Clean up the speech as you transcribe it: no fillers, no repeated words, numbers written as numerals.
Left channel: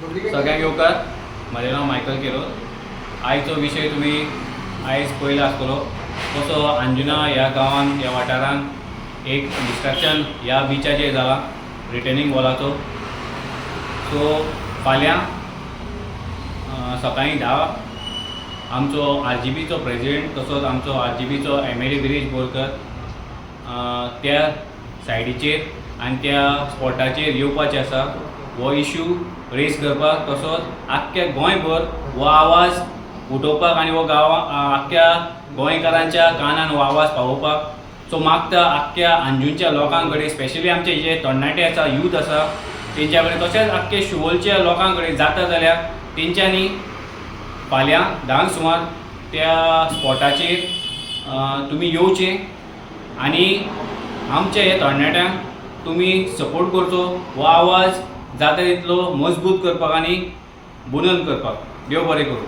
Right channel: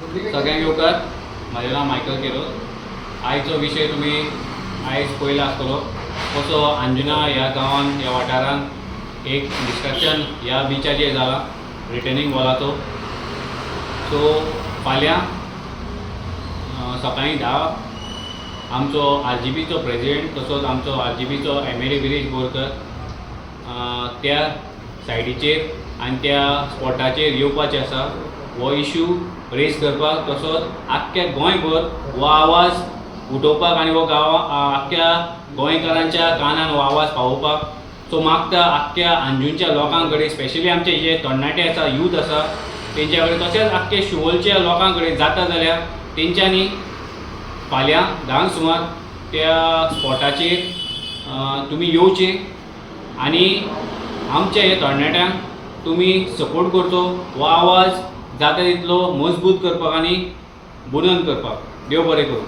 सगळ्यांक येवकार. म्हजें नांव मायकल केरो. आयचो विशय तुमी आयज पळयलो आसतलो कसो अंजुना ह्या गांवांत ह्या वाठारांत एक डिस्ट्रक्शन ह्या बिचाचेर जाला रिटर्निंग वॉलाचो. सो फाल्यां सकाळीं 10 आमचो RGBचो प्रेजिडेंट तसोच आमचो RGBचो MLA गिरीश बोरकर त्या सायडीचेर आनी त्या स्पॉटाचेर येवपाचें आसा. हो इश्यू रेज करपाक तसोच आख्ख्या गोंयभर हो आवाज उठोवपाक आनी हो आख्ख्या गोंयकारांच्या कानान हो आवाज पावोवपाक. सो मागता आख्ख्या अंजुनच्या लोकां कडेन स्पेशली आमचे जे तरणाटे आसा यूथ आसा तेंच्या कडेन तशेंच आख्खे शिवोलच्या लोकां कडेन जाता जाल्यार तेंच्यांनी फाल्यां 10 सुमार त्या स्पॉटाचेर तुमी येवचें आनी आमच्या हे तरणाट्यांक तुमी सपोर्ट करचो. हो आवाज जाता तितलो मजबूत करपाक आनी बुलंद करपाक. देव बरें करूं.